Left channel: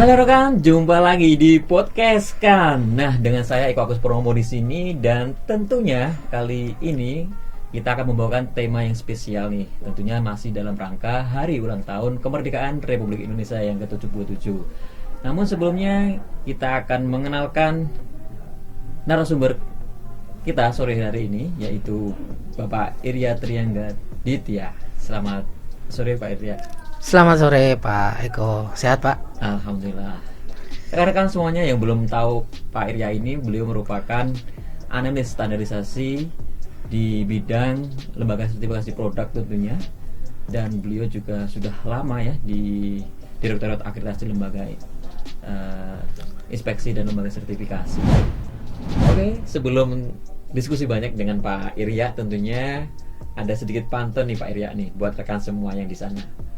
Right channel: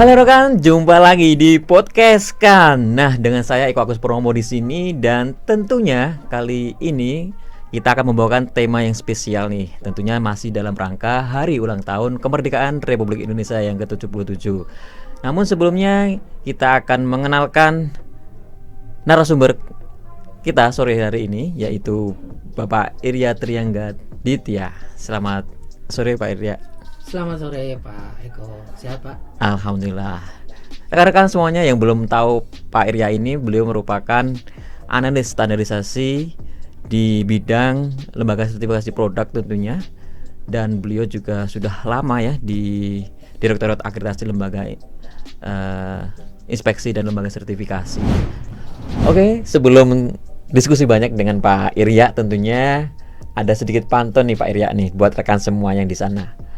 Halo rekan, jumpa lagi di podcast kan. Nah, dengan saya Eko Agus Promo di sini dan tentunya kali ini kita akan membawakan tema yang spesial nih. Tentunya masih dalam rangka hari ulang tahun kemerdekaan Republik Indonesia yang ke-77. Namun sebelumnya kita akan mengenalkan narasumber kita sore hari ini, yaitu Bapak Irya Triangga Ditya. Selamat sore Pak Irya. Selamat sore Pak Eko, sehat Pak? Alhamdulillah. Rekan-rekan semuanya yang belum tahu Pak Irya ini, beliau merupakan analis standarisasi di bidang lembaga sertifikasi produk tentunya, dan beliau juga sudah lama ya di Direktorat Akreditasi Lembaga Inspeksi dan Lembaga Sertifikasi. Oke, sebelum diskusi banyak dengan Pak Irya, tentunya ada sedikit pantun nih Pak Irya nih buat rekan semua yang di sana.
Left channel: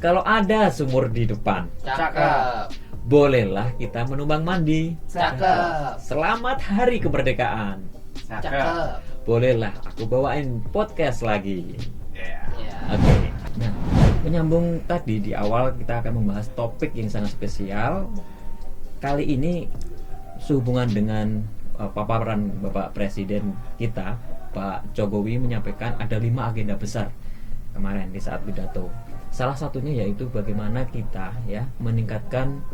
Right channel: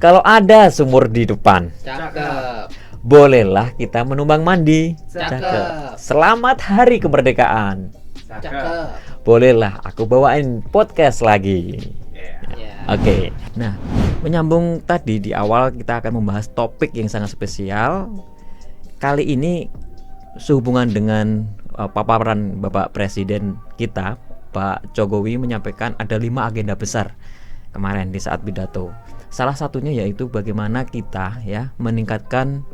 Kalau ada sumur di depan, Cakep. bolehlah kita menumbang mandi. Cakep. Selamat Hari Kemerdekaan. Cakep. Bolehlah aku bawain podcast lagi. Oke. Nah, menyambung tadi di awal kita akan membahas topik yang sangat spesial. Kali ini sehubungan dengan paparan Bapak Presiden kita, Pak Jokowi, menyampaikan ada 5 agenda besar kemarin di saat pidato. Salah satunya yaitu bagaimana kita ya meningkatkan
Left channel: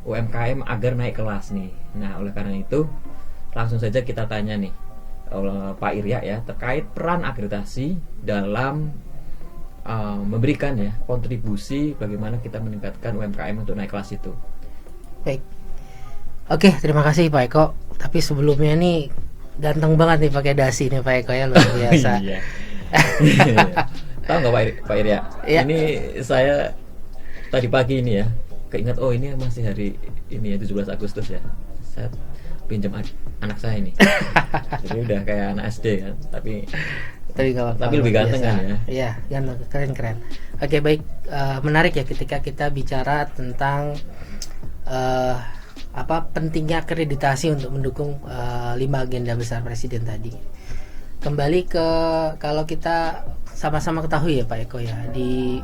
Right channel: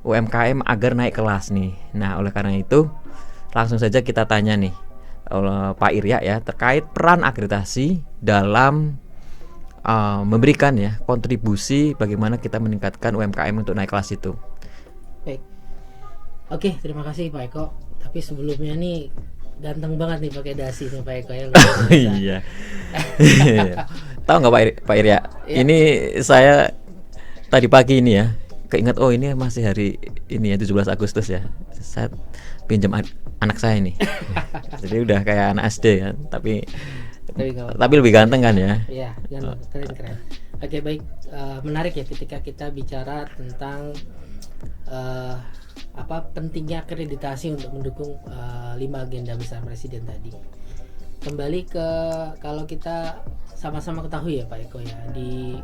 UMKM agar naik kelas nih. Nah, oleh karena itu langsung saja kita tanya nih oleh Pak Irya ya terkait peran akreditasi dalam memberikan ya kontribusi bagaimana kita meningkatkan UMKM untuk naik kelas itu. Baik. Oke, terima kasih Pak Eko. Tapi sebelumnya nih ganteng banget nih pakai dasi nih Pak Eko ya, luar biasa. Iya. Tahu nggak Pak Irya? Ya. Ini saya tadi pagi ini ya keinget, oh ini masih hari ini ya 17 Agustus ya. Saya pinjam anak saya nih. Jadi udah kayak anak SD ya, tapi lebih ganteng kan ya? Iya, keren. Oke, baik. Menarik ya ketika kita bicara tentang pentingnya akreditasi untuk mendukung 5 agenda besar Presiden tadi. Kembali ke kalau kita sama-sama ketahui ya Pak Eko ya, di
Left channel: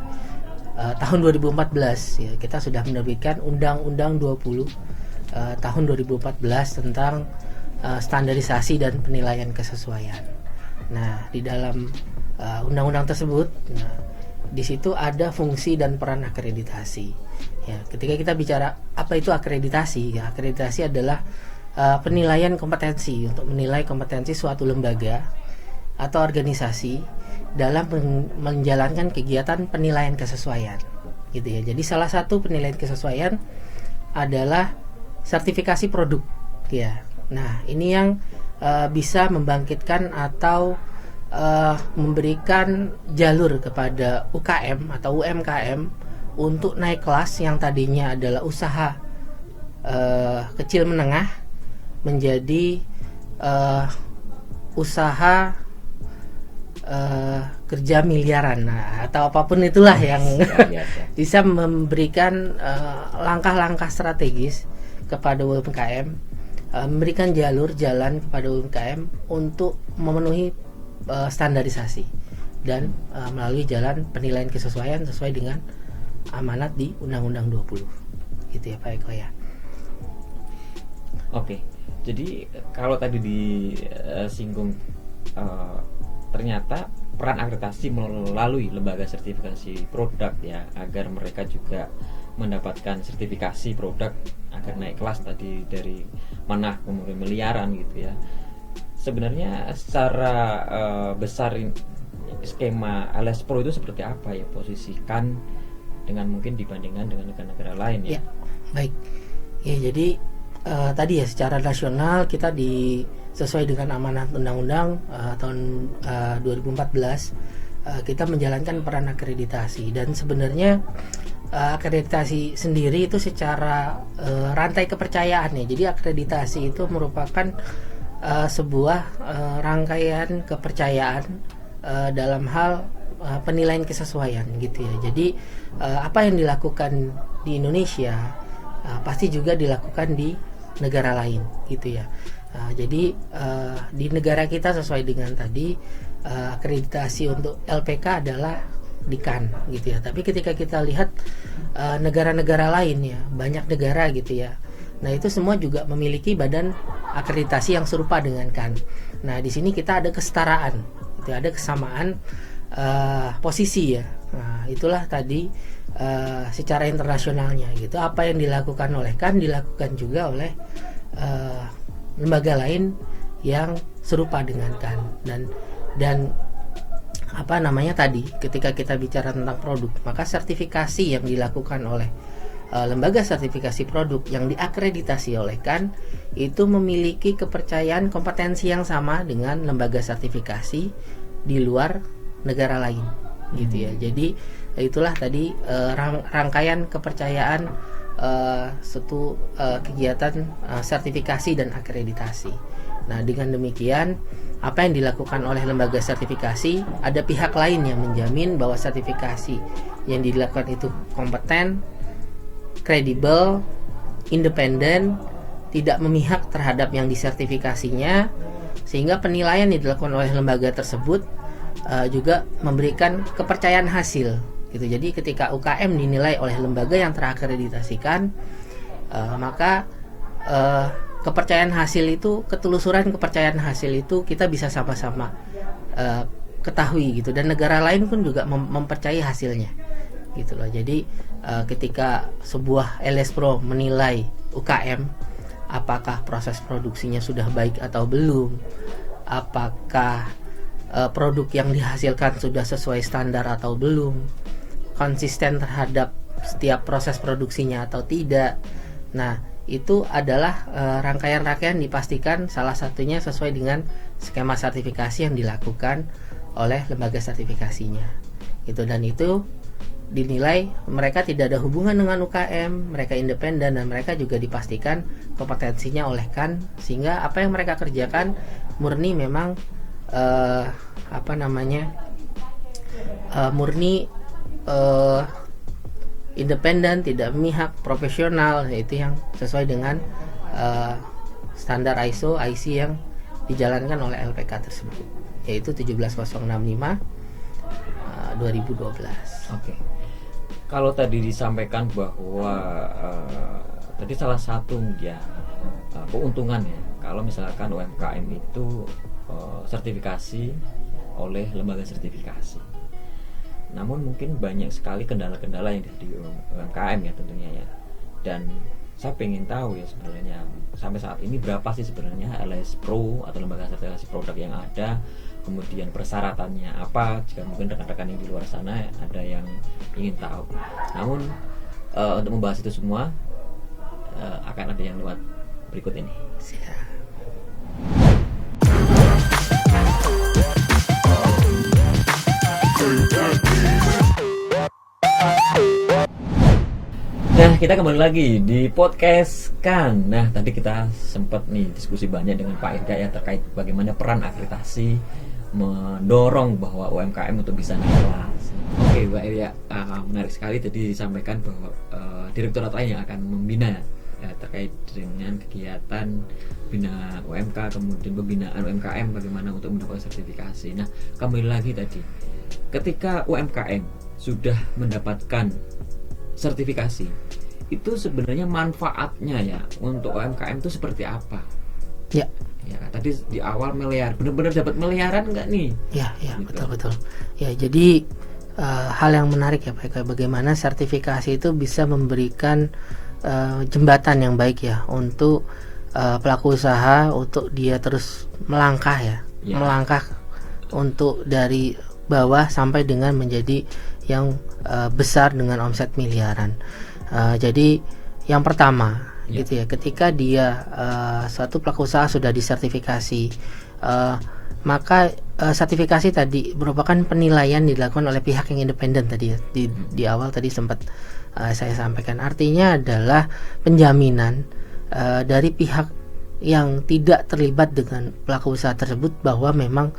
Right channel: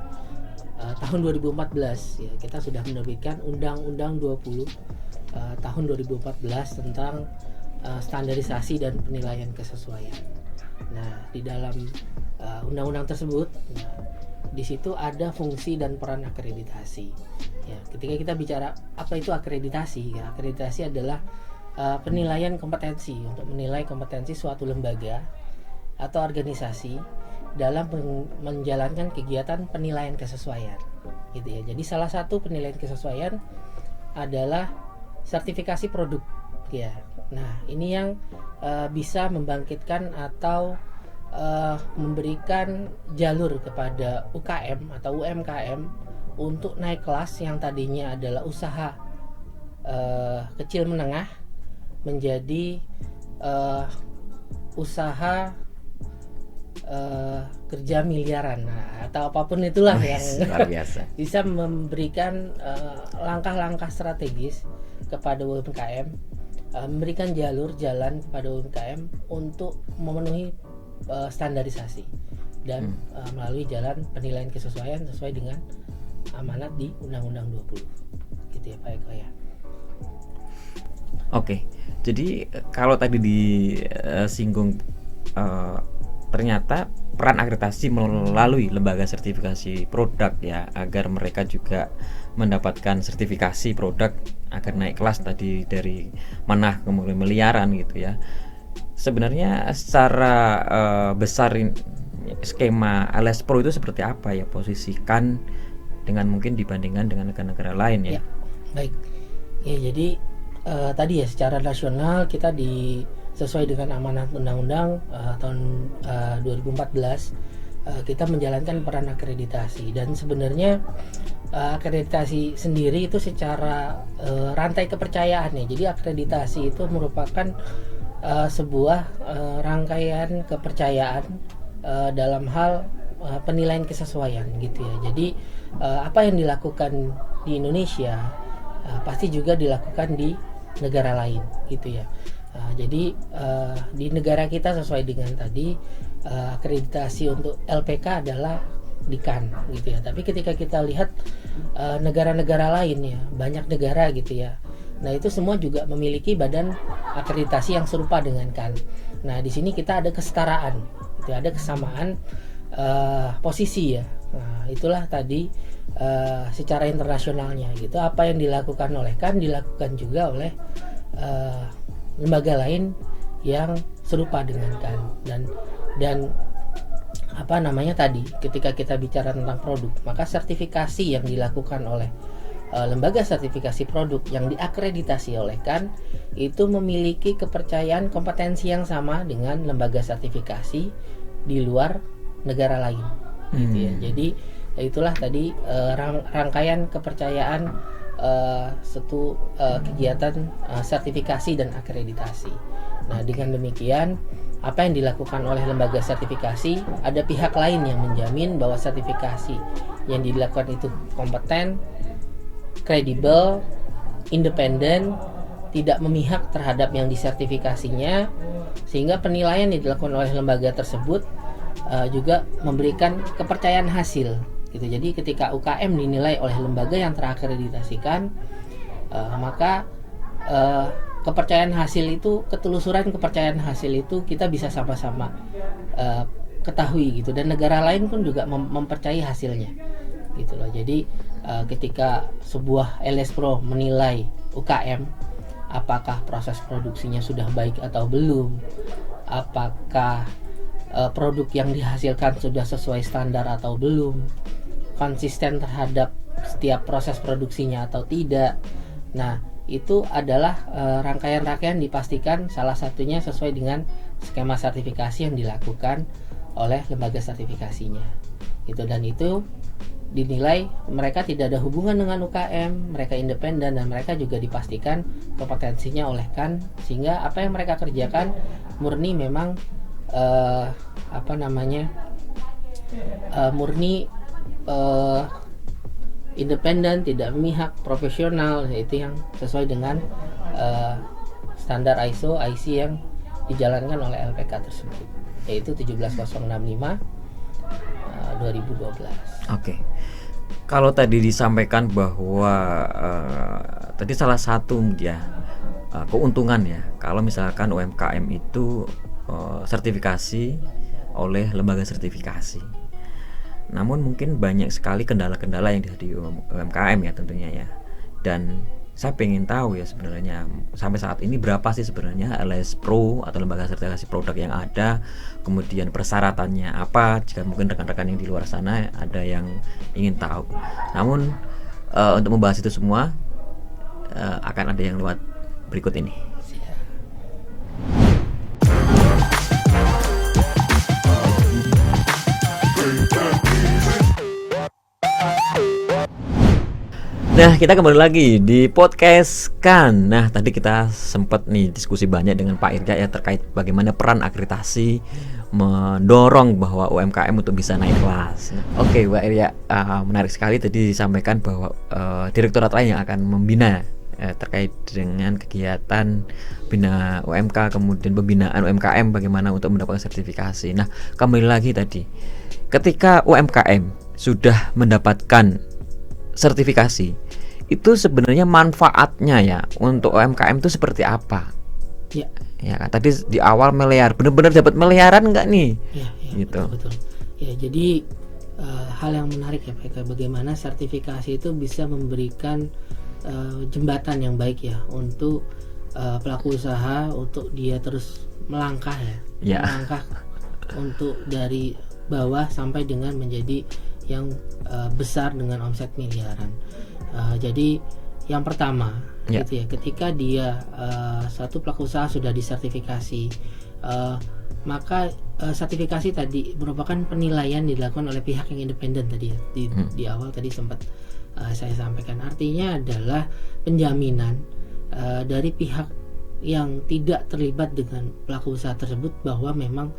tahun 2014 ya kita sudah menerbitkan Undang-Undang 20 tahun 2014 tentang standarisasi dan penilaian kesesuaian. Nah, di dalam undang-undang tersebut, di situ ada fungsi dan peran akreditasi. Ya, ketika kita bicara apa itu akreditasi, ya akreditasi adalah penilaian kompetensi untuk menilai kompetensi suatu lembaga atau organisasi dalam menjalankan kegiatan penilaian kesesuaian, gitu ya. Jadi salah satu penilaian kesesuaian adalah sertifikasi produk, ya. Nah, ini yang bisa membangkitkan atau memberikan jalur kepada UKM atau UMKM untuk naik kelas yang tadinya adalah usaha kecil menengah menjadi usaha kerja miliaran, atau apapun itulah yang bisa memberikan langkah-langkah strategis kepada UMKM, memberikan jalan kepada UMKM untuk memenuhi standarisasi dan melalui jalan penilaian kesesuaian sesuai dengan amanat di Undang-Undang 20, gitu ya Pak Eko ya. Oke, jadi kalau tadi disinggung ternyata peran akreditasi melalui lembaga sertifikasi produk ya, agar mereka juga mendapatkan sertifikasi produk agar naik kelas tadi dari menengah kemudian miliaran gitu ya. Sebenarnya secara besar skema alias pro itu seperti apa ya, posisikan dengan mungkin dibandingkan dengan negara-negara lain ya? Baik. Ya, jadi tadi ya secara nasional kita sesuai dengan amanat undang-undang tahun 2014 kita menjalankan peran akreditasi, dan sebenarnya akreditasi sendiri itu secara rantai kepercayaan ya. Jadi akreditasi itu merupakan sebuah rangkaian kepercayaan dalam hal penilaian kesesuaian, gitu ya. Jadi apa yang dilakukan di Indonesia pasti juga dilakukan di negara lain, gitu ya. Jadi di negara kita sesuai dengan tadi akreditasi untuk LPK adalah di Cannes gitu ya. Tapi ketika kita lihat negara-negara lain ya, banyak negara gitu ya. Nah, itu semua juga memiliki badan akreditasi yang serupa dengan Cannes. Nah, di sini kita ada kesetaraan, gitu, ada kesamaan posisi ya. Nah, itulah tadi secara internasionalnya gitu. Apa yang dilakukan oleh Cannes dilakukan juga oleh lembaga lain yang serupa dengan Cannes. Dan apa namanya tadi, ketika kita bicara tentang produk, maka sertifikasi yang dilakukan oleh lembaga sertifikasi produk yang diakreditasi oleh Cannes itu memiliki kepercayaan kompetensi yang sama dengan lembaga sertifikasi di luar negara lain gitu ya. Jadi itulah tadi rangkaian kepercayaan suatu kegiatan sertifikasi dan akreditasi. Nah, dengan demikian apa yang dilakukan oleh lembaga sertifikasi, ada pihak lain yang menjamin bahwa sertifikasi yang dilakukan itu kompeten, kredibel, independen, tidak memihak terhadap yang disertifikasinya, sehingga penilaian yang dilakukan oleh lembaga tersebut juga memberikan kepercayaan hasil gitu. Jadi ketika UKM dinilai oleh lembaga yang terakreditasikan, maka kepercayaan hasil itu, ketelusuran kepercayaan hasil itu kita bisa sama-sama ketahui gitu, dan negara lain pun juga mempercayai hasilnya gitu loh. Jadi ketika sebuah LS Pro menilai UKM, apakah proses produksinya sudah baik atau belum, apakah produk yang dihasilkan sudah sesuai standar atau belum, konsisten terhadap setiap proses produksinya atau tidak. Nah, itu adalah rangkaian-rangkaian dipastikan salah satunya sesuai dengan skema sertifikasi yang dilakukan oleh lembaga sertifikasinya gitu. Dan itu dinilai mereka tidak ada hubungan dengan UKM, mereka independen, dan mereka juga dipastikan kompetensinya oleh Cannes, sehingga apa yang mereka kerjakan murni memang murni independen, tidak memihak, profesional. Itu yang sesuai dengan standar ISO IC yang dijalankan oleh LPK tersebut, yaitu 17065 2012. Oke. Kalau tadi disampaikan bahwa tadi salah satu ya keuntungan ya kalau misalkan UMKM itu sertifikasi oleh lembaga sertifikasi. Namun mungkin banyak sekali kendala-kendala yang dihadapi UMKM ya tentunya ya. Dan saya pengen tahu ya sebenarnya sampai saat ini berapa sih sebenarnya LS Pro atau lembaga sertifikasi produk yang ada, kemudian persyaratannya apa, jika mungkin rekan-rekan yang di luar sana ada yang ingin tahu. Namun untuk membahas itu semua akan ada yang lewat berikut ini. Nah, kita kembali lagi di podcast Cannes. Nah, tadi kita sempat nih diskusi banyak dengan Pak Irja ya terkait bagaimana peran akreditasi mendorong bahwa UMKM untuk bisa naik kelas. Oke, Pak Irja, menarik sekali tadi disampaikan bahwa direktorat lain yang akan membina terkait dengan kegiatan bina UMK, kemudian pembinaan UMKM bagaimana untuk mendapatkan sertifikasi. Nah, kembali lagi tadi, ketika UMKM sudah mendapatkan sertifikasi, itu sebenarnya manfaatnya ya untuk UMKM itu seperti apa? Ya kan tadi di awal miliar, benar-benar dapat miliaran nggak nih? Ya gitu. Betul. Ya, jadi hal yang menarik ya Pak, bagaimana sertifikasi itu bisa memberikan jembatan yang baik ya untuk pelaku usaha untuk dia terus melangkah melangkah untuk dari bawah sampai dengan menjadi yang besar dengan omset miliaran. Jadi yang pertama gitu ya, ketika dia suatu pelaku usaha sudah disertifikasi, maka sertifikasi tadi merupakan penilaian dilakukan oleh pihak yang independen tadi ya, di awal tadi sempat saya sampaikan. Artinya adalah penjaminan dari pihak yang tidak terlibat dengan pelaku usaha tersebut bahwa memang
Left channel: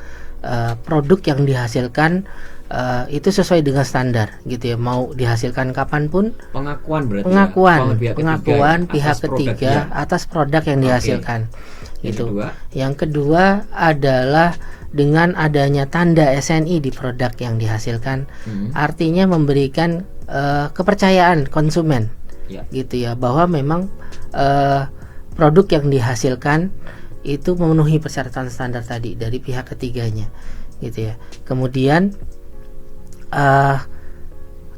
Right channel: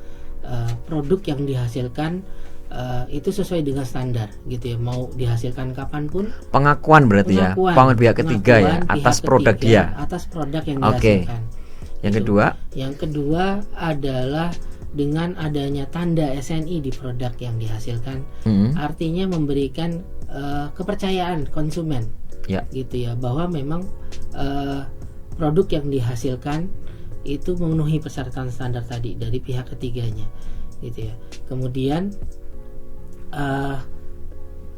produk yang dihasilkan itu sesuai dengan standar gitu ya, mau dihasilkan kapanpun. Pengakuan berarti pengakuan pihak ketiga ya, atas produk atas produk yang dihasilkan. Yang kedua adalah dengan adanya tanda SNI di produk yang dihasilkan, artinya memberikan kepercayaan konsumen, gitu ya, bahwa memang produk yang dihasilkan itu memenuhi persyaratan standar tadi dari pihak ketiganya, gitu ya. Kemudian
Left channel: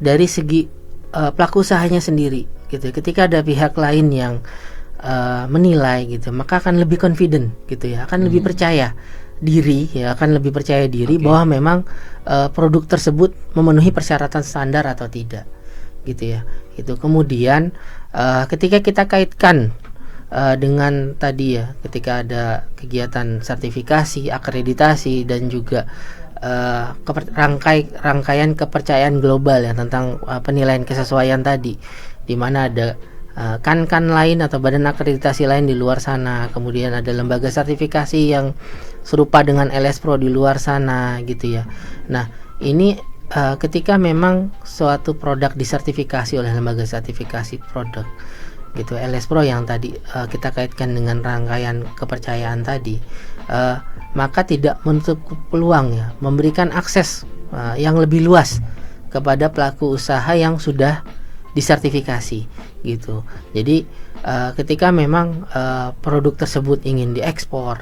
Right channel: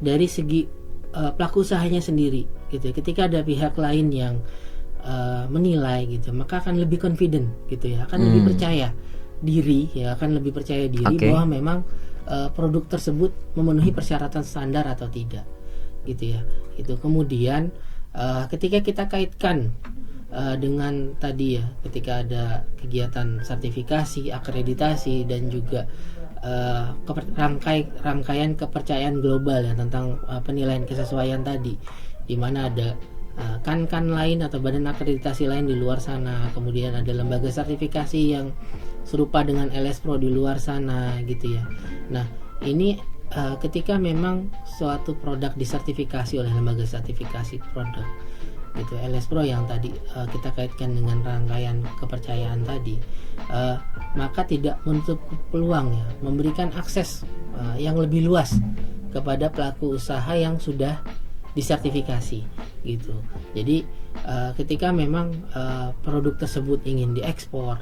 dari segi pelaku usahanya sendiri, gitu. Ketika ada pihak lain yang menilai, gitu, maka akan lebih confident, gitu ya, akan lebih percaya diri, ya, akan lebih percaya diri bahwa memang produk tersebut memenuhi persyaratan standar atau tidak, gitu ya. Itu kemudian ketika kita kaitkan dengan tadi ya, ketika ada kegiatan sertifikasi, akreditasi, dan juga rangkaian kepercayaan global ya tentang penilaian kesesuaian tadi, di mana ada kan lain atau badan akreditasi lain di luar sana, kemudian ada lembaga sertifikasi yang serupa dengan LS Pro di luar sana, gitu ya. Nah, ini ketika memang suatu produk disertifikasi oleh lembaga sertifikasi produk, gitu, LS Pro yang tadi kita kaitkan dengan rangkaian kepercayaan tadi, maka tidak menutup peluang ya memberikan akses yang lebih luas kepada pelaku usaha yang sudah disertifikasi, gitu. Jadi ketika memang produk tersebut ingin diekspor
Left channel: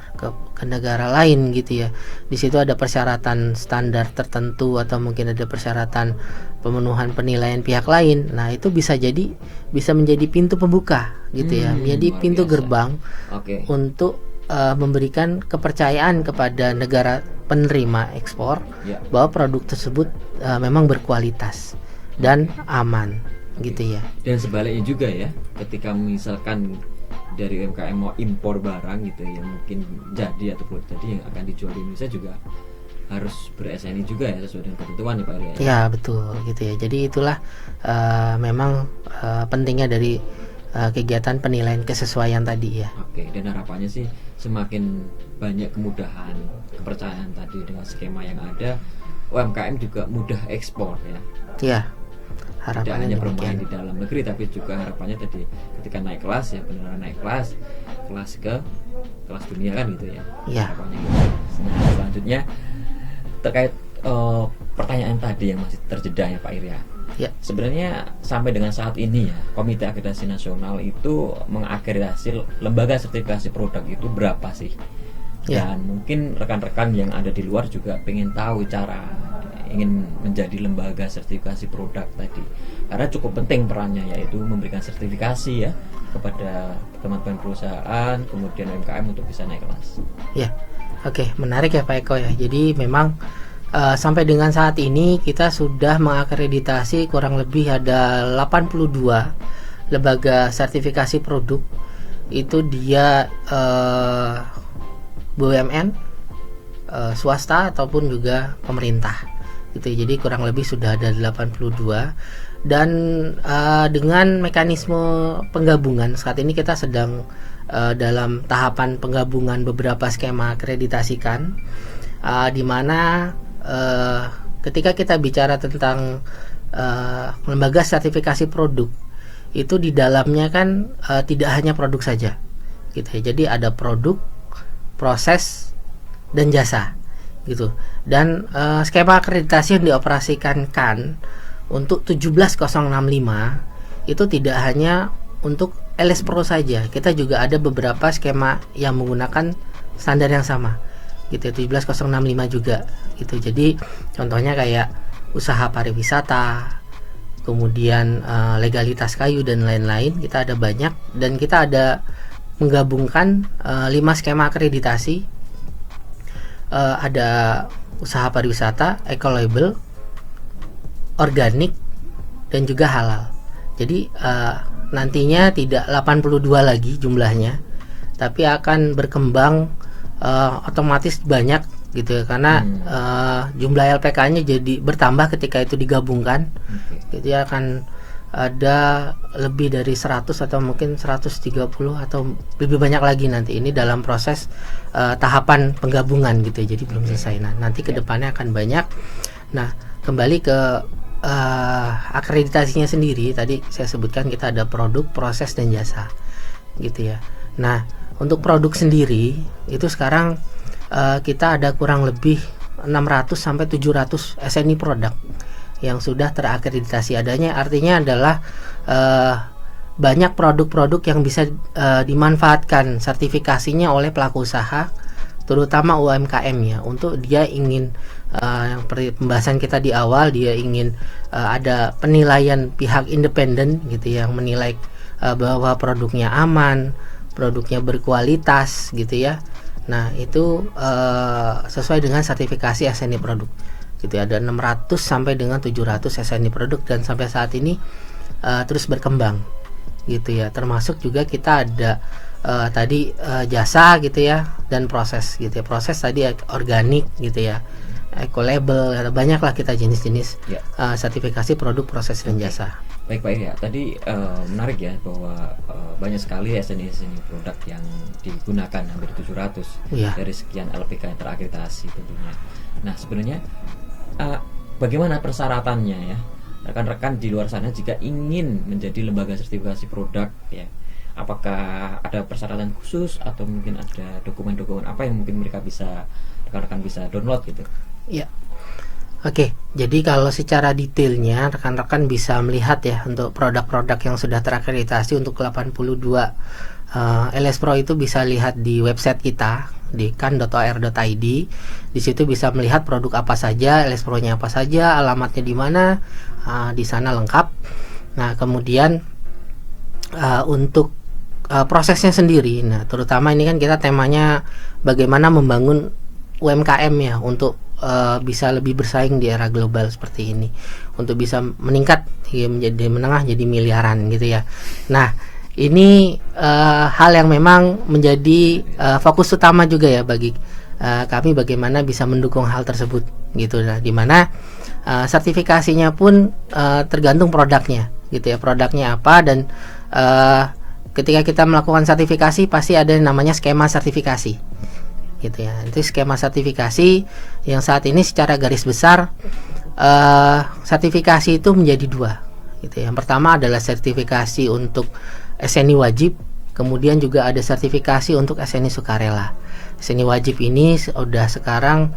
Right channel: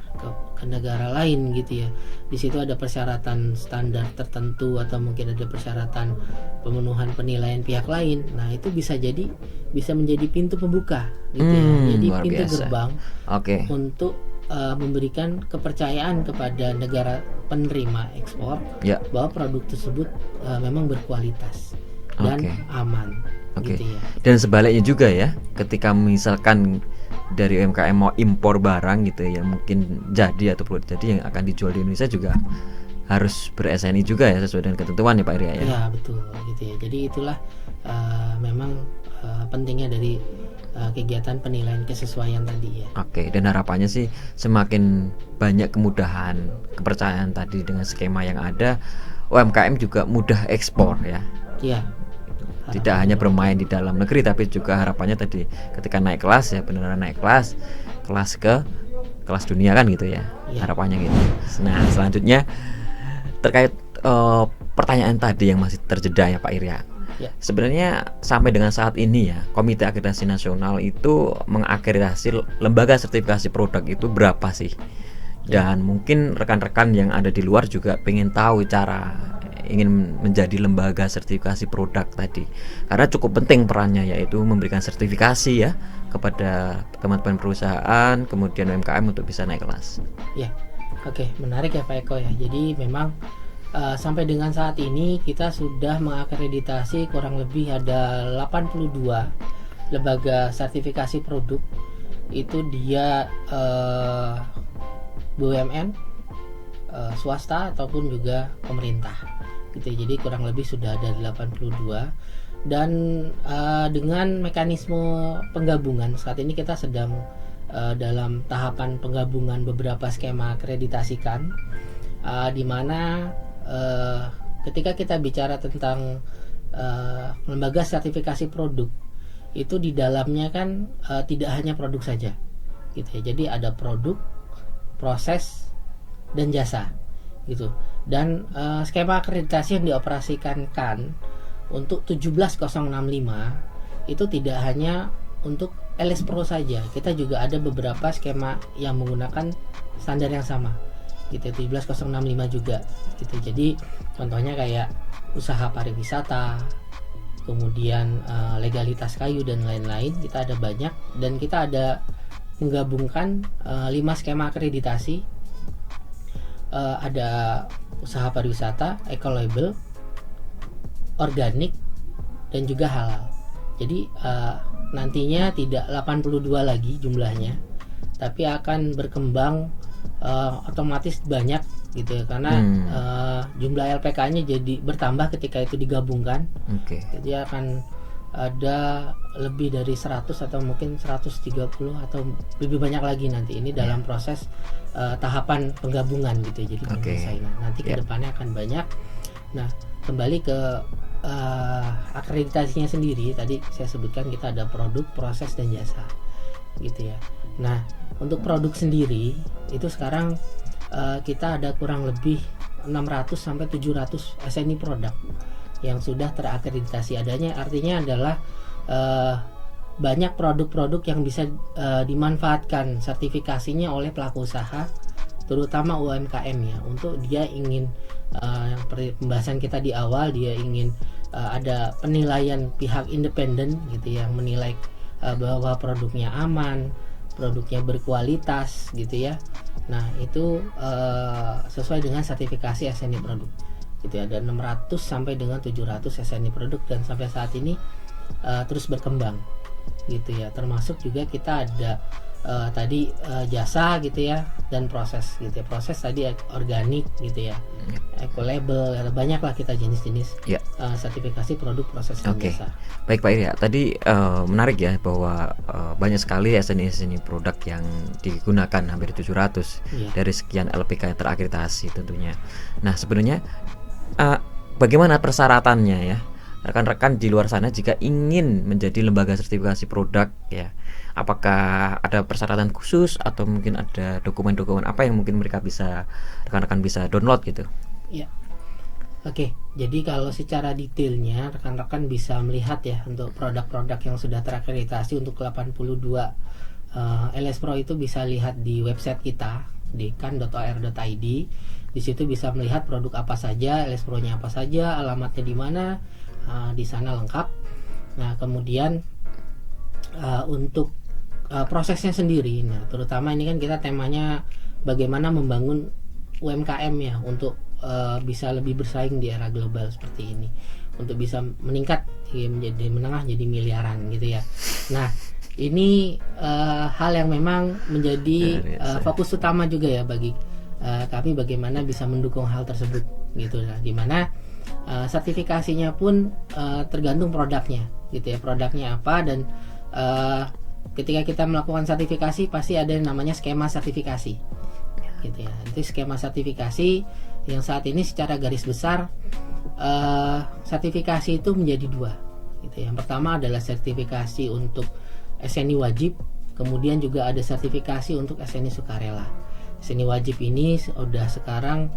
ke negara lain, gitu ya, di situ ada persyaratan standar tertentu atau mungkin ada persyaratan pemenuhan penilaian pihak lain. Nah, itu bisa menjadi pintu pembuka, gitu ya. Jadi pintu gerbang untuk memberikan kepercayaan kepada negara penerima ekspor bahwa produk tersebut memang berkualitas dan aman. Gitu ya. Dan sebaliknya juga ya, ketika misalkan dari UMKM mau impor barang, gitu ya, mungkin jadi atau belum jadi yang akan dijual di Indonesia juga harus ber-SNI juga ya, sesuai dengan ketentuan nih Pak Irya ya. Ya, betul, gitu ya. Jadi itulah memang pentingnya dari kegiatan penilaian kesesuaian tadi ya. Dan harapannya sih semakin banyak kemudahan, kepercayaan tadi dengan skema yang ada, UMKM juga mudah ekspor ya. Iya. Tidak hanya bermain di dalam negeri, tapi juga harapannya tadi ketika naik kelas ya, beneran naik kelas ke kelas dunia kan, gitu ya. Harapannya gitu. Nah, selanjutnya terkait pertanyaan tadi yang masih terjeda ya Pak Irya. Sebenarnya sampai dengan saat ini ya, Komite Akreditasi Nasional itu mengakreditasi lembaga sertifikasi produk itu berapa sih? Dan mungkin rekan-rekan yang ada di luar juga pengen tahu cara ingin menjadi lembaga sertifikasi produk tadi, karena cukup penting perannya, yaitu memberikan sertifikasi ya kepada teman-teman perusahaan, kemudian UMKM untuk bisa naik kelas. Menarik ya Pak Eko ya. Jadi memang sampai dengan saat ini kita sudah mengakreditasi kurang lebih ada 82 lembaga sertifikasi produk. Itu dia BUMN, swasta ataupun juga pemerintah, gitu. Jadi kurang lebih sudah ada 82, dan dengan mekanisme penggabungan saat ini kita sedang dalam tahapan penggabungan beberapa skema akreditasikan, di mana ketika kita bicara tentang lembaga sertifikasi produk, itu di dalamnya kan tidak hanya produk saja, gitu ya. Jadi ada produk, proses, dan jasa, gitu. Dan skema akreditasi yang dioperasikan KAN untuk 17065 itu tidak hanya untuk LS Pro saja. Kita juga ada beberapa skema yang menggunakan standar yang sama, gitu. 17065 juga, gitu. Jadi contohnya kayak usaha pariwisata, kemudian legalitas kayu dan lain-lain, kita ada banyak, dan kita ada menggabungkan 5 skema akreditasi. Ada usaha pariwisata, eco-label, organik, dan juga halal. Jadi nantinya tidak 82 lagi jumlahnya, tapi akan berkembang otomatis banyak, gitu ya, karena jumlah LPK-nya jadi bertambah ketika itu digabungkan. Jadi akan ada lebih dari 100 atau mungkin 130 atau lebih banyak lagi nanti, ini dalam proses tahapan penggabungan, gitu. Jadi belum selesai. Nah, nanti kedepannya akan banyak. Nah, kembali ke akreditasinya sendiri, tadi saya sebutkan kita ada produk, proses, dan jasa, gitu ya. Nah, untuk produk sendiri itu sekarang kita ada kurang lebih 600 sampai 700 SNI produk yang sudah terakreditasi. Artinya adalah banyak produk-produk yang bisa dimanfaatkan sertifikasinya oleh pelaku usaha, terutama UMKM ya, untuk dia ingin yang pembahasan kita di awal, dia ingin ada penilaian pihak independen gitu yang menilai bahwa produknya aman, produknya berkualitas gitu ya. Nah itu sesuai dengan sertifikasi SNI produk gitu ya. Ada 600 sampai dengan 700 SNI produk dan sampai saat ini terus berkembang gitu ya. Termasuk juga kita ada tadi jasa gitu ya, dan proses gitu ya. Proses tadi organik gitu ya, eco label, banyaklah kita jenis-jenis sertifikasi produk, proses dan jasa. Baik Pak Iri, tadi menarik ya bahwa banyak sekali SNI produk yang digunakan, hampir 700 dari sekian LPK yang terakreditasi tentunya. Nah sebenarnya bagaimana persyaratannya ya rekan-rekan di luar sana jika ingin menjadi lembaga sertifikasi produk ya? Apakah ada persyaratan khusus atau mungkin ada dokumen-dokumen apa yang mungkin rekan-rekan bisa download gitu? Ya. Oke, jadi kalau secara detailnya rekan-rekan bisa melihat ya untuk produk-produk yang sudah terakreditasi untuk 82 LS Pro itu bisa lihat di website kita di kan.or.id. Di situ bisa melihat produk apa saja, LS Pro-nya apa saja, alamatnya di mana, di sana lengkap. Nah, kemudian untuk prosesnya sendiri, nah terutama ini kan kita temanya bagaimana membangun UMKM ya untuk bisa lebih bersaing di era global seperti ini, untuk bisa meningkat menjadi menengah jadi miliaran gitu ya. Nah ini hal yang memang menjadi fokus utama juga ya bagi kami, bagaimana bisa mendukung hal tersebut gitu. Nah dimana sertifikasinya pun tergantung produknya gitu ya, produknya apa, dan ketika kita melakukan sertifikasi pasti ada yang namanya skema sertifikasi gitu ya. Itu skema sertifikasi yang saat ini secara garis besar sertifikasi itu menjadi dua gitu. Yang pertama adalah sertifikasi untuk SNI wajib, kemudian juga ada sertifikasi untuk SNI sukarela. SNI wajib ini sudah sekarang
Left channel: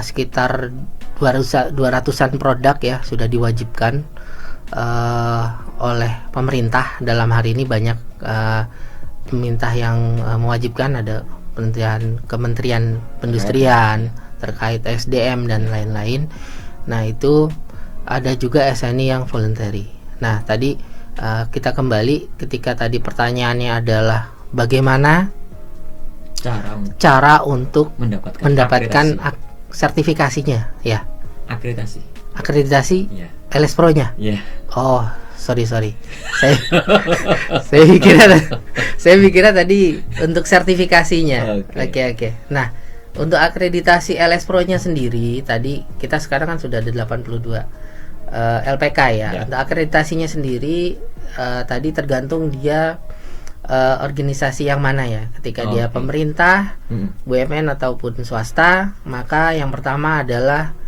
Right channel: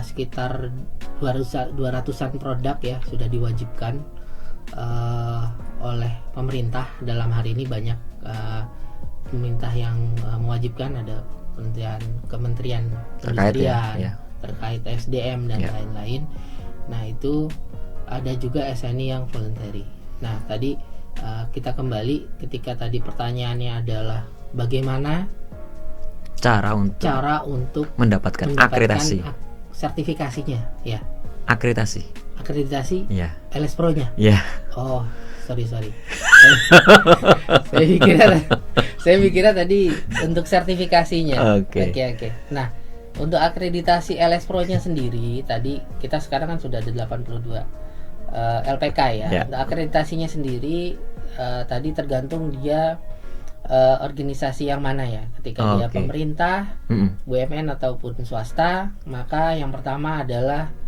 sekitar 200-an produk ya sudah diwajibkan oleh pemerintah. Dalam hari ini banyak pemerintah yang mewajibkan, ada Kementerian Perindustrian terkait SDM dan lain-lain. Nah itu ada juga SNI yang voluntary. Nah tadi kita kembali ketika tadi pertanyaannya adalah bagaimana cara untuk mendapatkan sertifikasinya ya. Akreditasi ya. LS Pro-nya ya. Oh sorry saya pikirnya tadi untuk sertifikasinya. Oke. Nah untuk akreditasi LS Pro-nya sendiri tadi kita sekarang kan sudah ada 82 LPK ya. Untuk akreditasinya sendiri tadi tergantung dia organisasi yang mana ya. Ketika dia pemerintah, BUMN ataupun swasta, maka yang pertama adalah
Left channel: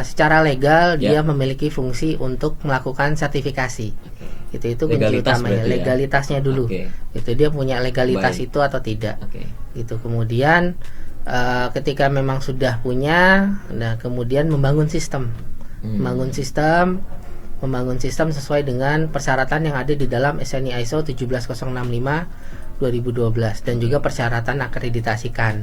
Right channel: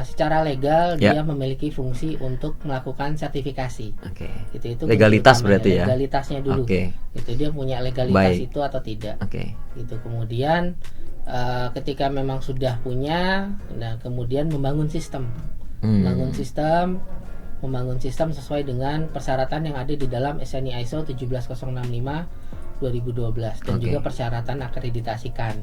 secara legal dia memiliki fungsi untuk melakukan sertifikasi. Itu legalitas berarti ya. Legalitasnya dulu. Itu dia punya legalitas itu atau tidak. Itu kemudian ketika memang sudah punya, nah kemudian membangun sistem. Membangun sistem sesuai dengan persyaratan yang ada di dalam SNI ISO 17065 2012 dan juga persyaratan akreditasikan.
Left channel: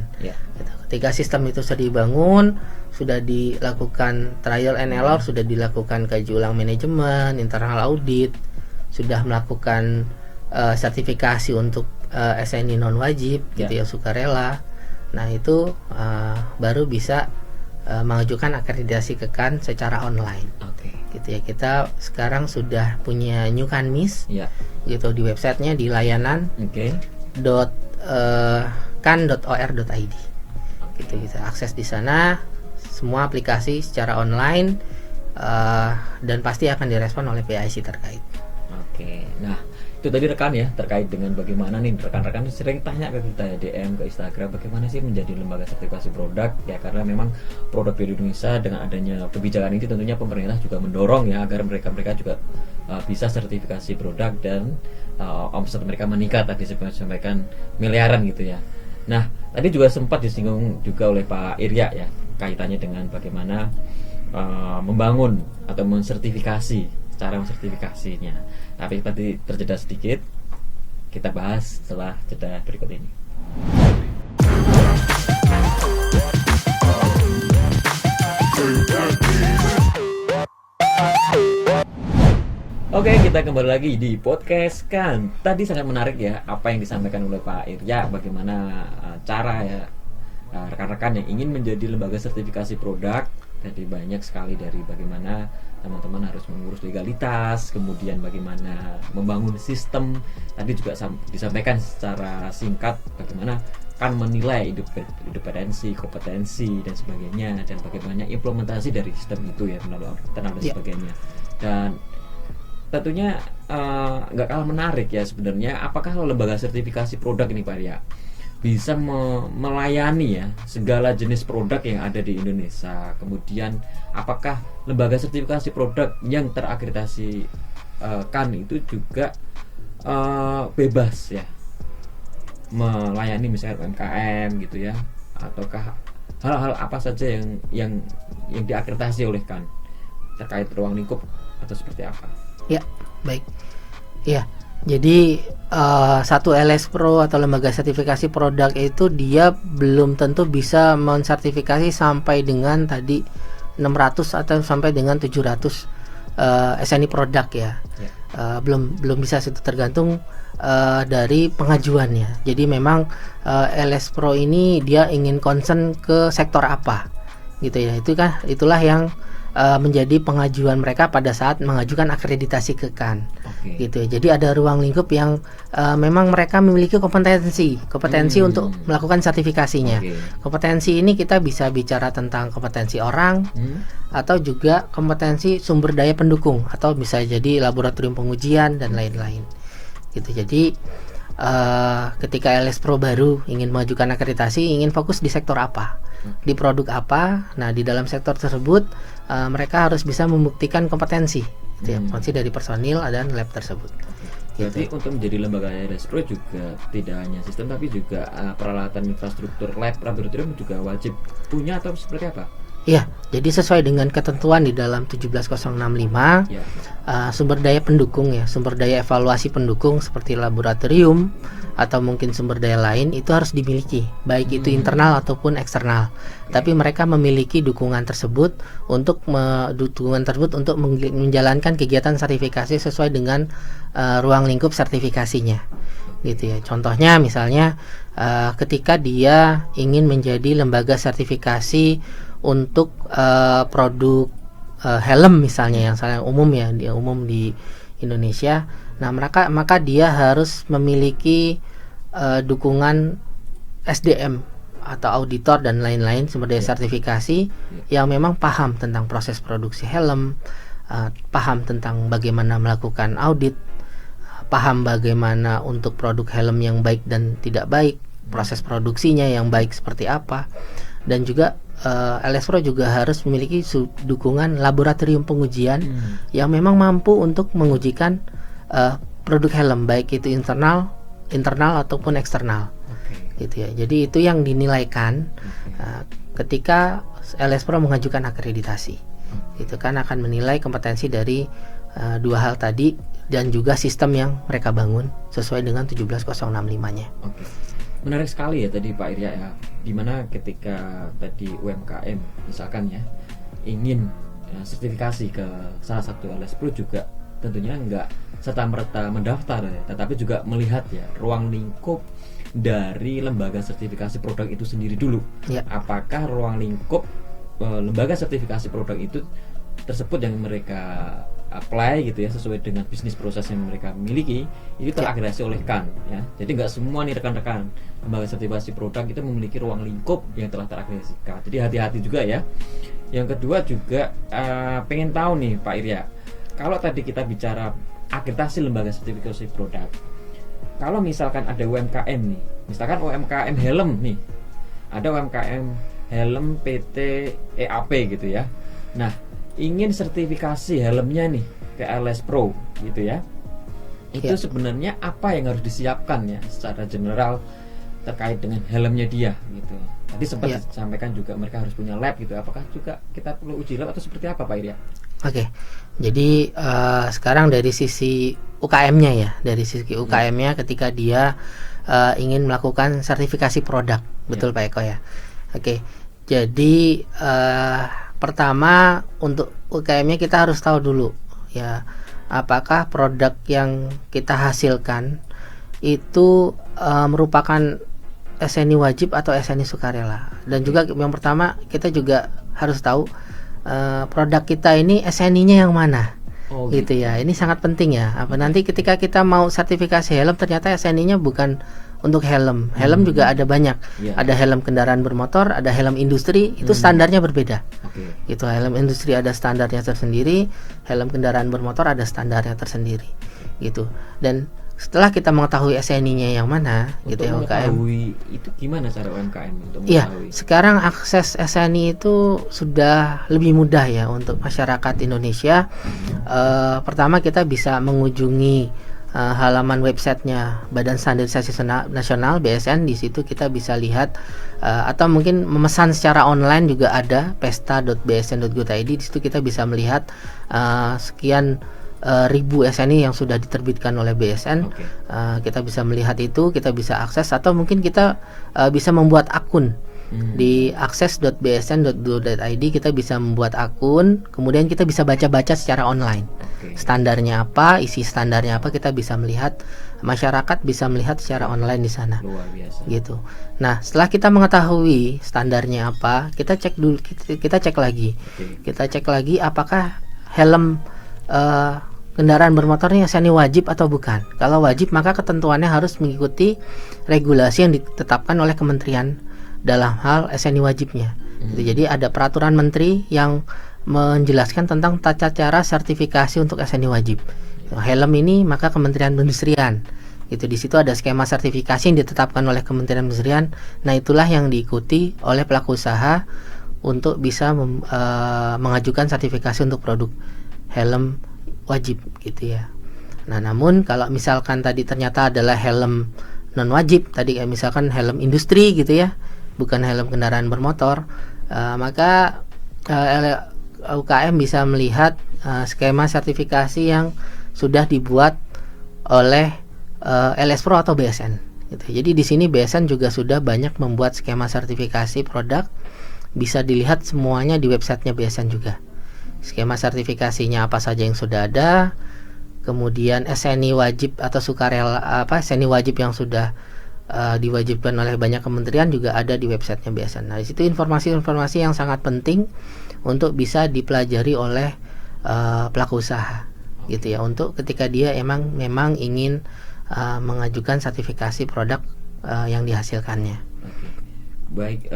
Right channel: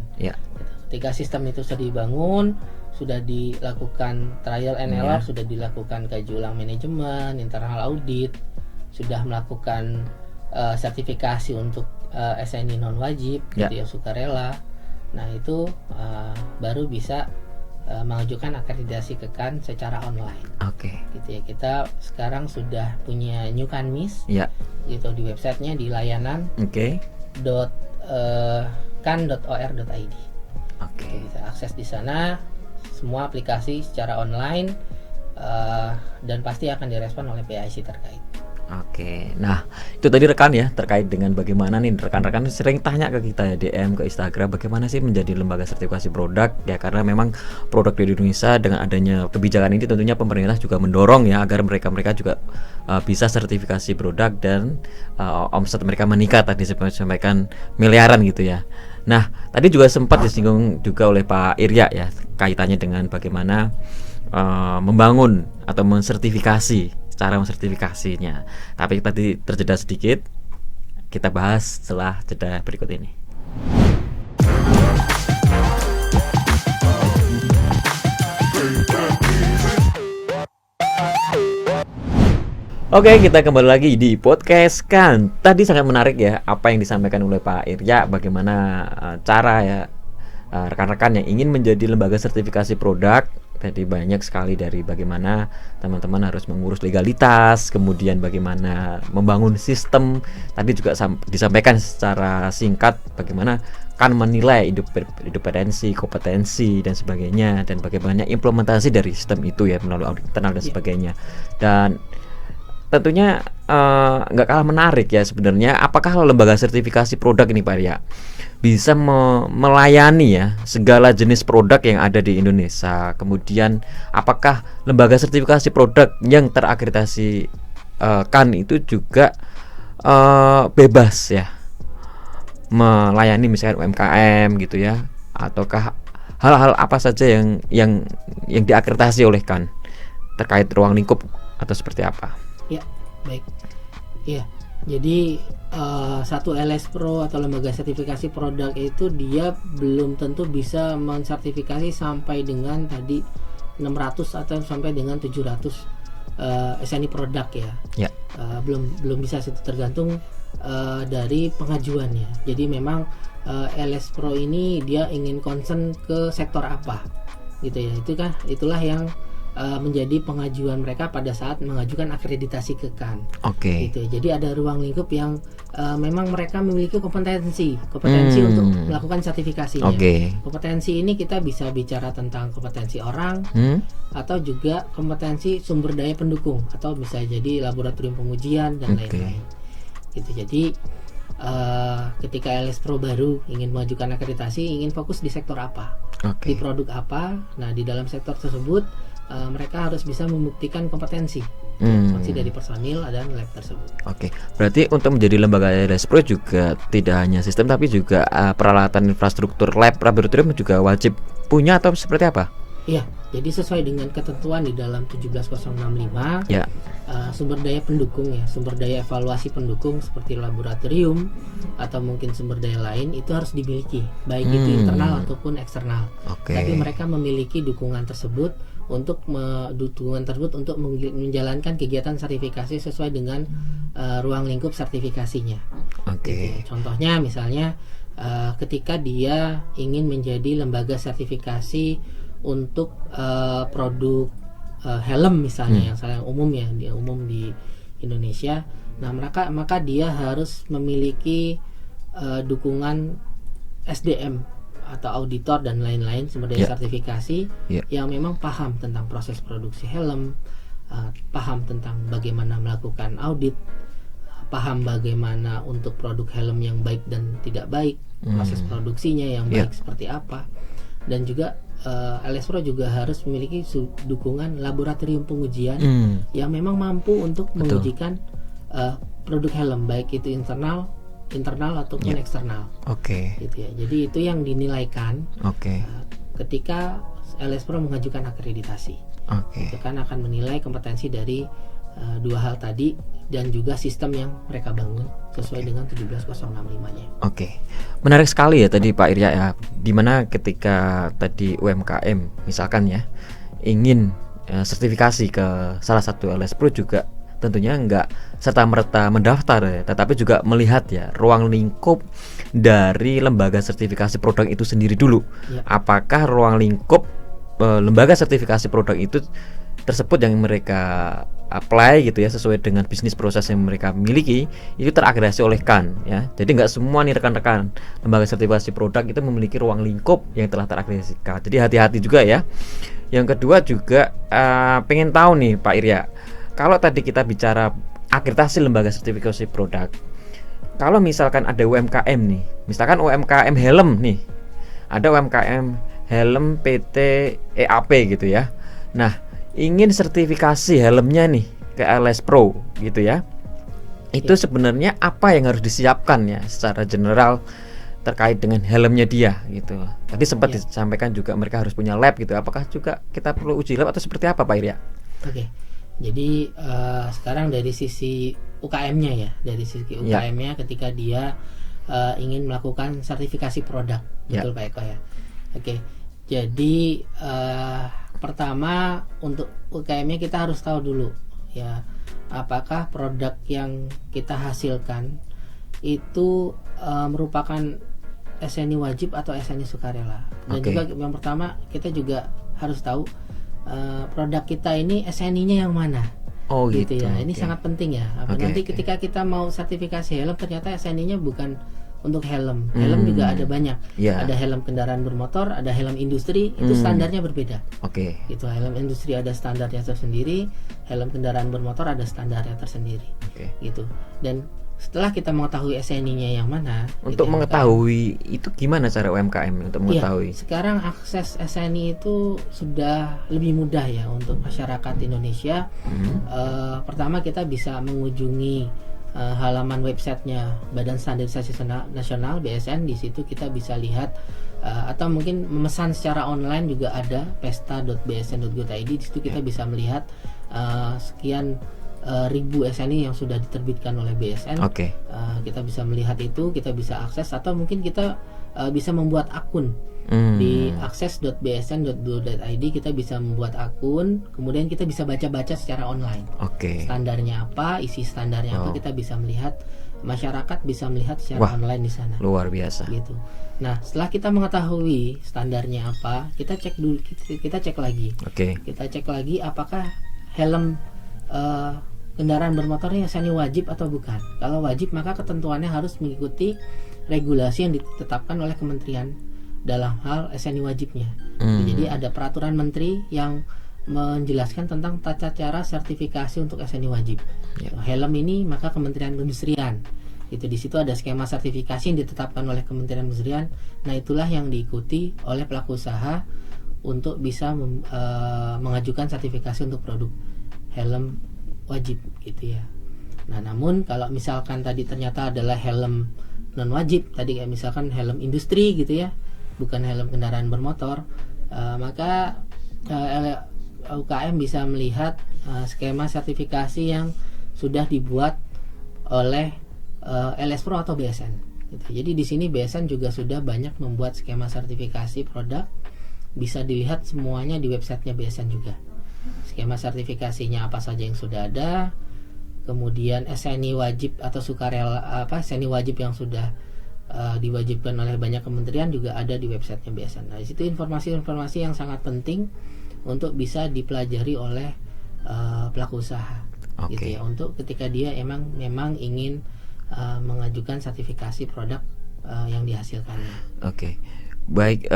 Ketika sistem itu sudah dibangun, sudah dilakukan trial and error, sudah dilakukan kaji ulang manajemen, internal audit, sudah melakukan sertifikasi untuk SNI non wajib gitu ya, sukarela. Nah itu baru bisa mengajukan akreditasi ke KAN secara online. Gitu ya. Kita sekarang sudah punya New Kanmis gitu di websitenya, di layanan kan.or.id. Gitu, bisa akses di sana semua aplikasi secara online dan pasti akan direspon oleh PIC terkait. Nah itu tadi rekan ya, terkait dengan bagaimana nih rekan-rekan sering tanya ke kita ya, DM ke Instagram, bagaimana sih menjadi lembaga sertifikasi produk ya, karena memang produk di Indonesia dengan adanya kebijakan ini tentunya pemerintah juga mendorong ya agar mereka juga bisa sertifikasi produk dan omset mereka meningkat, tadi saya sampaikan miliaran gitu ya. Nah, tadi juga sempat disinggung juga oleh Pak Irya ya, kaitannya dengan bagaimana membangun atau mensertifikasi, cara mensertifikasinya. Tapi tadi terjeda sedikit, kita bahas setelah jeda berikut ini. Oke, kita kembali lagi di podcast kan. Tadi sangat menarik ya apa yang disampaikan oleh Pak Irya, bagaimana cara ya rekan-rekan yang ingin menjadi lembaga sertifikasi produk. Tadi banyak sekali dari bagaimana teman-teman harus mengurus legalitas, kemudian bagaimana membangun sistem. Tadi juga disampaikan secara singkat bagaimana kan menilai independensi, kompetensi dan sebagainya, dan bagaimana implementasi dari sistem itu ya melalui audit internal dan sebagainya. Dan tentunya nggak kalah menarik ya sebenarnya, apakah lembaga sertifikasi produk ini Pak Ria bisa melayani ya segala jenis produk yang ada di Indonesia. Kemudian apakah lembaga sertifikasi produk yang terakreditasi kan itu juga bebas ya melayani misalkan UMKM gitu ya, ataukah hal-hal apa saja yang diakreditasi oleh kan terkait ruang lingkup atau seperti apa? Ya, baik. Ya, jadi satu LS Pro atau lembaga sertifikasi produk itu dia belum tentu bisa mensertifikasi sampai dengan tadi 600 atau sampai dengan 700 SNI produk ya. Belum bisa, itu tergantung dari pengajuannya. Jadi memang LS Pro ini dia ingin concern ke sektor apa gitu ya. Itulah yang menjadi pengajuan mereka pada saat mengajukan akreditasi ke kan. Gitu. Jadi ada ruang lingkup yang memang mereka memiliki kompetensi untuk melakukan sertifikasinya. Kompetensi ini kita bisa bicara tentang kompetensi orang atau juga kompetensi sumber daya pendukung, atau bisa jadi laboratorium pengujian dan lain-lain. Gitu. Jadi ketika LS Pro baru ingin mengajukan akreditasi, ingin fokus di sektor apa, di produk apa. Nah, di dalam sektor tersebut mereka harus bisa membuktikan kompetensi dari personil dan lab tersebut. Berarti untuk menjadi lembaga LS Pro juga tidak hanya sistem, tapi juga peralatan infrastruktur lab laboratorium juga wajib punya atau seperti apa? Ya, jadi sesuai dengan ketentuan di dalam 17065 sumber daya pendukung ya, sumber daya evaluasi pendukung seperti laboratorium atau mungkin sumber daya lain itu harus dimiliki, baik itu internal ataupun eksternal. Tapi mereka memiliki dukungan tersebut untuk menjalankan kegiatan sertifikasi sesuai dengan ruang lingkup sertifikasinya. Gitu ya. Contohnya misalnya ketika dia ingin menjadi lembaga sertifikasi untuk produk helm misalnya yang umum di Indonesia. Nah, maka dia harus memiliki dukungan SDM atau auditor dan lain-lain sumber daya sertifikasi yang memang paham tentang proses produksi helm, paham tentang bagaimana melakukan audit, paham bagaimana untuk produk helm yang baik dan tidak baik, proses produksinya yang baik seperti apa, dan juga LS Pro juga harus memiliki dukungan laboratorium pengujian yang memang mampu untuk mengujikan produk helm, baik itu internal ataupun eksternal. Gitu ya. Jadi itu yang dinilaikan ketika LS Pro mengajukan akreditasi. Itu kan akan menilai kompetensi dari dua hal tadi dan juga sistem yang mereka bangun sesuai dengan 17065-nya. Menarik sekali ya tadi Pak Irya ya, dimana ketika tadi UMKM misalkan ya ingin sertifikasi ke salah satu LS Pro juga tentunya enggak serta-merta mendaftar ya, tetapi juga melihat ya ruang lingkup dari lembaga sertifikasi produk itu sendiri dulu. Apakah ruang lingkup lembaga sertifikasi produk itu tersebut yang mereka apply gitu ya sesuai dengan bisnis proses yang mereka miliki itu terakreditasi oleh kan ya. Jadi nggak semua nih rekan-rekan lembaga sertifikasi produk itu memiliki ruang lingkup yang telah terakreditasi. Jadi hati-hati juga ya. Yang kedua juga pengen tahu nih Pak Irya, kalau tadi kita bicara akreditasi lembaga sertifikasi produk, kalau misalkan ada UMKM nih, misalkan UMKM helm nih, ada UMKM helm PT EAP gitu ya. Nah, ingin sertifikasi helmnya nih ke LS Pro gitu ya. Itu sebenarnya apa yang harus disiapkan ya secara general terkait dengan helmnya dia gitu. Tadi sempat disampaikan juga mereka harus punya lab gitu. Apakah juga kita perlu uji lab atau seperti apa Pak Irya? Oke. Jadi sekarang dari sisi UKM-nya ya, dari sisi UKM-nya ketika dia ingin melakukan sertifikasi produk, betul Pak Eko ya. Oke. Jadi pertama untuk UKM-nya kita harus tahu dulu ya, apakah produk yang kita hasilkan itu merupakan SNI wajib atau SNI sukarela. Dan juga yang pertama kita juga harus tahu produk kita ini SNI-nya yang mana. Gitu ya. Ini sangat penting ya. Nanti ketika kita mau sertifikasi helm ternyata SNI-nya bukan untuk helm. Helm juga ada banyak. Ada helm kendaraan bermotor, ada helm industri, itu standarnya berbeda. Gitu. Helm industri ada standarnya tersendiri, helm kendaraan bermotor ada standarnya tersendiri. Gitu. Dan setelah kita mengetahui SNI-nya yang mana, untuk gitu, mengetahui itu gimana cara UMKM untuk mengetahui? Sekarang akses SNI itu sudah lebih mudah ya untuk masyarakat Indonesia. Pertama kita bisa mengunjungi halaman websitenya Badan Standarisasi Nasional (BSN). Di situ kita bisa lihat atau mungkin memesan secara online juga ada pesta.bsn.go.id. Di situ kita bisa melihat sekian ribu SNI yang sudah diterbitkan oleh BSN. Kita bisa melihat itu, kita bisa akses, atau mungkin kita bisa membuat akun di akses.bsn.go.id. Kita bisa membuat akun, kemudian kita bisa baca-baca secara online. Standarnya apa, isi standarnya apa, kita bisa melihat, masyarakat bisa melihat secara online di sana. Luar biasa. Gitu. Nah, setelah kita mengetahui standarnya apa, kita cek dulu, kita cek lagi. Kita cek lagi apakah helm kendaraan bermotornya SNI wajib atau bukan. Kalau wajib maka ketentuannya harus mengikuti regulasi yang ditetapkan oleh kementerian dalam hal SNI wajibnya. Jadi ada peraturan menteri yang menjelaskan tentang tata cara sertifikasi untuk SNI wajib. Helm ini maka Kementerian Perindustrian. Itu di situ ada skema sertifikasi yang ditetapkan oleh Kementerian Perindustrian. Nah, itulah yang diikuti oleh pelaku usaha untuk bisa mengajukan sertifikasi untuk produk helm wajib gitu ya. Nah, namun kalau misalkan tadi ternyata adalah helm non wajib, tadi kayak misalkan helm industri gitu ya, bukan helm kendaraan bermotor, maka UKM bisa melihat skema sertifikasi yang sudah dibuat oleh LS Pro atau BSN gitu. Jadi di sini BSN juga sudah banyak membuat skema sertifikasi produk, bisa dilihat semuanya di websitenya BSN juga. Skema sertifikasinya apa saja yang sudah ada, kemudian SNI wajib atau sukarela SNI wajib yang sudah diwajibkan oleh banyak kementerian juga ada di websitenya BSN. Nah, di situ informasi-informasi yang sangat penting untuk bisa dipelajari oleh pelaku usaha, gitu ya, untuk ketika dia memang ingin mengajukan sertifikasi produk yang dihasilkannya. Baik,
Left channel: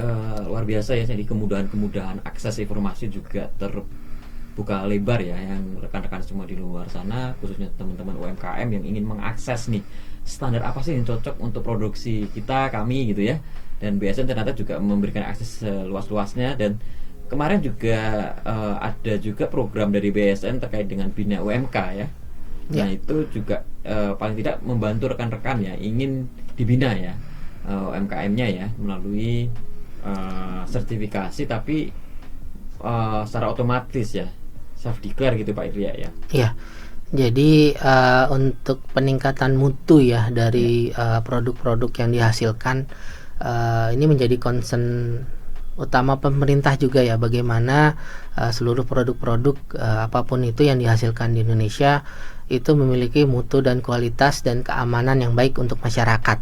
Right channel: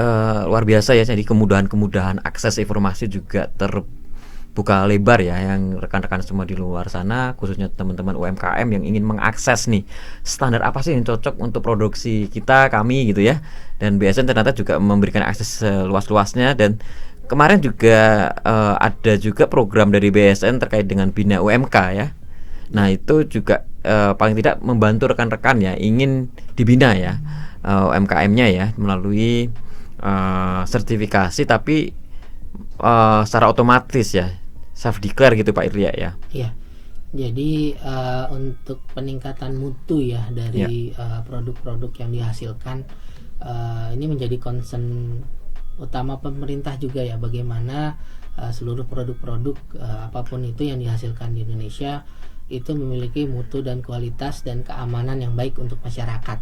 luar biasa ya. Jadi kemudahan akses informasi juga terbuka lebar ya, yang rekan-rekan semua di luar sana, khususnya teman-teman UMKM yang ingin mengakses nih standar apa sih yang cocok untuk produksi kami gitu ya. Dan BSN ternyata juga memberikan akses seluas-luasnya. Dan kemarin juga ada juga program dari BSN terkait dengan Bina UMK ya. Nah, itu juga paling tidak membantu rekan-rekan ya ingin dibina ya UMKM-nya ya melalui sertifikasi, tapi secara otomatis ya, self declare gitu Pak Irya ya. Iya. Jadi untuk peningkatan mutu ya dari produk-produk yang dihasilkan, ini menjadi concern utama pemerintah juga ya, bagaimana seluruh produk-produk apapun itu yang dihasilkan di Indonesia itu memiliki mutu dan kualitas dan keamanan yang baik untuk masyarakat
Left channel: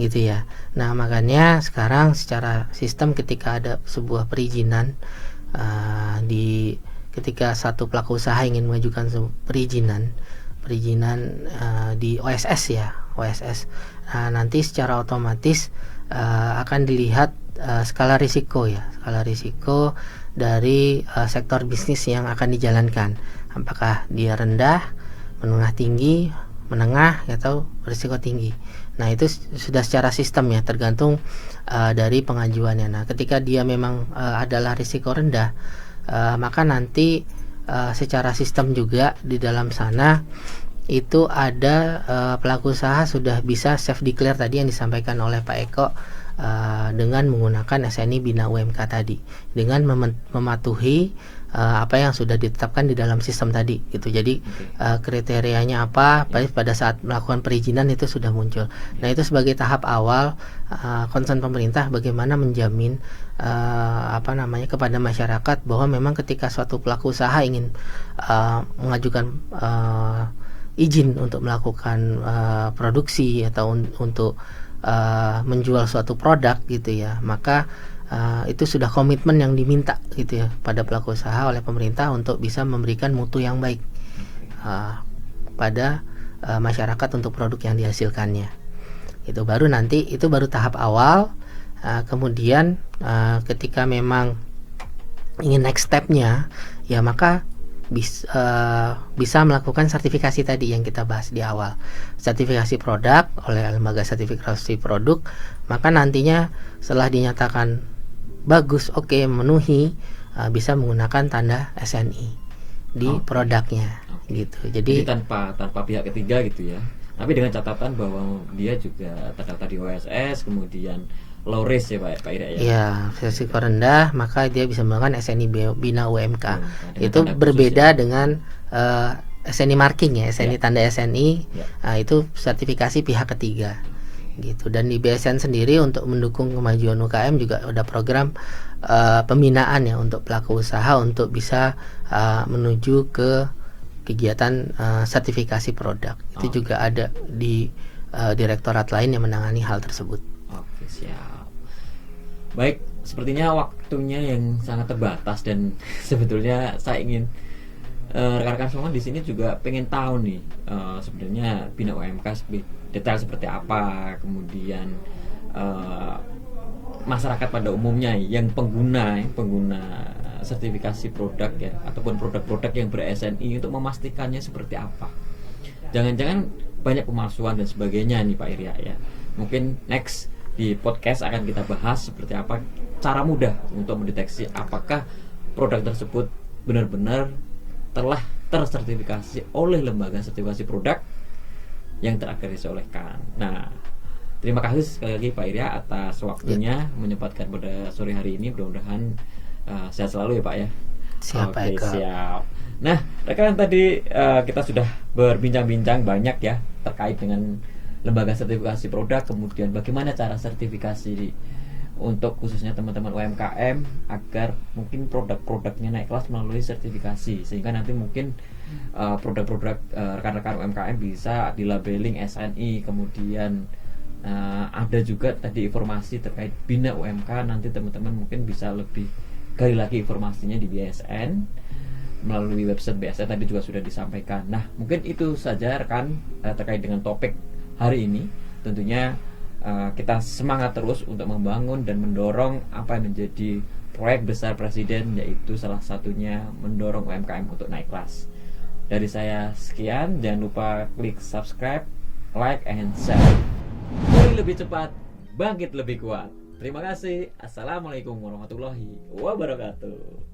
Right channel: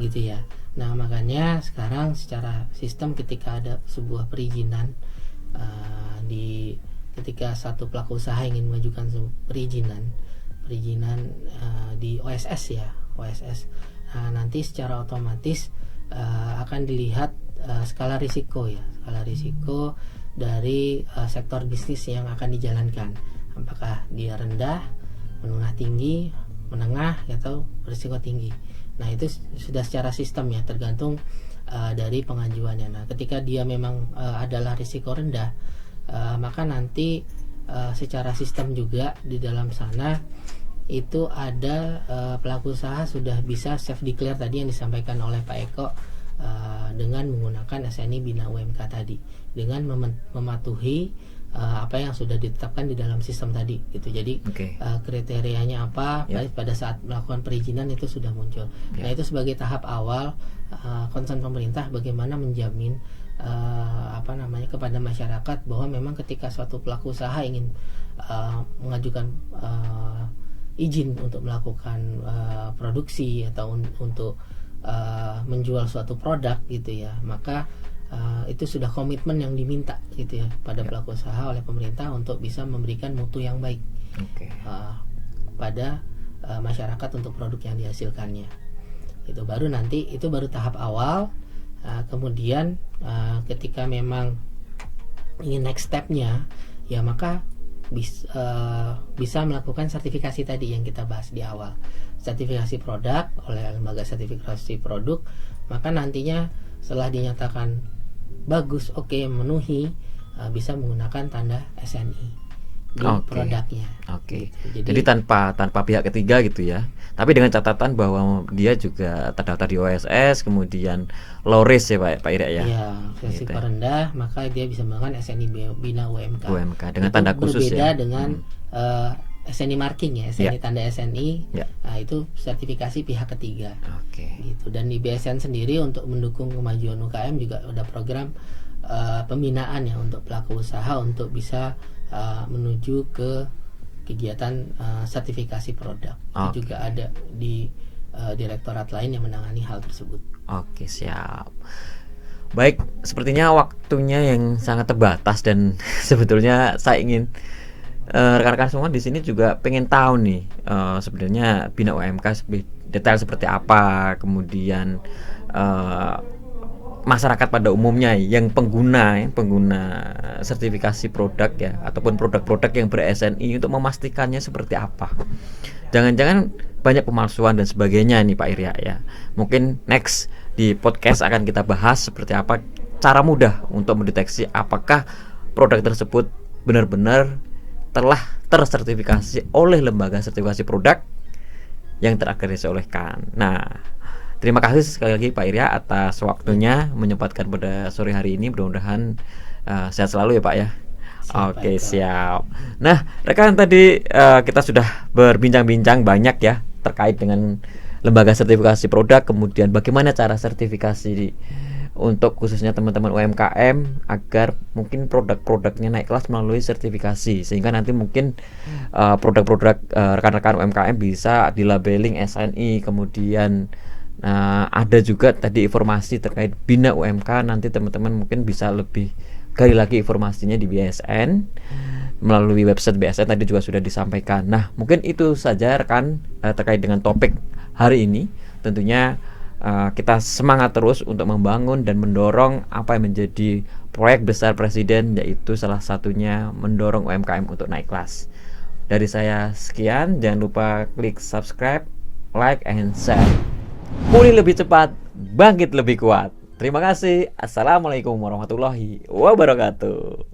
gitu ya. Nah, makanya sekarang secara sistem ketika ada sebuah perizinan ketika satu pelaku usaha ingin mengajukan perizinan di OSS ya, OSS, nanti secara otomatis akan dilihat skala risiko ya, skala risiko dari sektor bisnis yang akan dijalankan, apakah dia rendah, menengah tinggi, menengah atau risiko tinggi. Nah, itu sudah secara sistem ya, tergantung dari pengajuannya. Nah, ketika dia memang adalah risiko rendah, maka nanti secara sistem juga di dalam sana itu ada pelaku usaha sudah bisa self declare tadi yang disampaikan oleh Pak Eko, dengan menggunakan SNI Bina UMK tadi, dengan mematuhi apa yang sudah ditetapkan di dalam sistem tadi gitu. Jadi kriterianya apa, pada saat melakukan perizinan itu sudah muncul. Nah, itu sebagai tahap awal concern pemerintah bagaimana menjamin kepada masyarakat bahwa memang ketika suatu pelaku usaha ingin mengajukan izin untuk melakukan produksi atau untuk menjual suatu produk gitu ya, maka itu sudah komitmen yang diminta gitu ya pada pelaku usaha oleh pemerintah untuk bisa memberikan mutu yang baik pada masyarakat untuk produk yang dihasilkannya. Itu baru nanti, itu baru tahap awal. Kemudian ketika memang ingin next stepnya ya, maka bisa melakukan sertifikasi tadi yang kita bahas di awal, sertifikasi produk oleh lembaga sertifikasi produk. Maka nantinya setelah dinyatakan bagus, memenuhi, bisa menggunakan tanda SNI di produknya. Gitu. Jadi tanpa pihak ketiga gitu ya. Tapi dengan catatan bahwa dia juga terdaftar di OSS, kemudian low risk ya Pak Ira ya. Iya, risiko rendah, maka dia bisa menggunakan SNI Bina UMK. Itu tanda berbeda ya, dengan SNI marking ya, SNI tanda SNI. Itu sertifikasi pihak ketiga. Gitu. Dan di BSN sendiri untuk mendukung kemajuan UKM juga ada program pembinaan ya untuk pelaku usaha untuk bisa menuju ke kegiatan sertifikasi produk. Itu juga ada di direktorat lain yang menangani hal tersebut. Oke, siap. Baik, sepertinya waktunya yang sangat terbatas dan sebetulnya saya ingin rekan-rekan semua di sini juga pengen tahu nih sebenarnya Bina UMK detail seperti apa, kemudian masyarakat pada umumnya yang pengguna sertifikasi produk ya, ataupun produk-produk yang ber-SNI untuk memastikannya seperti apa. Jangan-jangan banyak pemalsuan dan sebagainya nih Pak Irya ya. Mungkin next di podcast akan kita bahas seperti apa cara mudah untuk mendeteksi apakah produk tersebut benar-benar telah tersertifikasi oleh lembaga sertifikasi produk yang terakreditasi oleh KAN. Nah, terima kasih sekali lagi Pak Irya atas waktunya menyempatkan pada sore hari ini. Mudah-mudahan sehat selalu ya Pak ya. Oke, siap. Nah, rekan tadi kita sudah berbincang-bincang banyak ya terkait dengan lembaga sertifikasi produk, kemudian bagaimana cara sertifikasi untuk khususnya teman-teman UMKM agar mungkin produk-produknya naik kelas melalui sertifikasi, sehingga nanti mungkin produk-produk rekan-rekan UMKM bisa dilabeling SNI. Kemudian ada juga tadi informasi terkait Bina UMK, nanti teman-teman mungkin bisa lebih gali lagi informasinya di BSN melalui website BSN tadi juga sudah disampaikan. Nah, mungkin itu saja rekan terkait dengan topik hari ini. Tentunya kita semangat terus untuk membangun dan mendorong apa yang menjadi proyek besar Presiden, yaitu salah satunya mendorong UMKM untuk naik kelas. Dari saya sekian, jangan lupa klik subscribe, like, and share. Pulih lebih cepat, bangkit lebih kuat. Terima kasih. Assalamualaikum warahmatullahi wabarakatuh.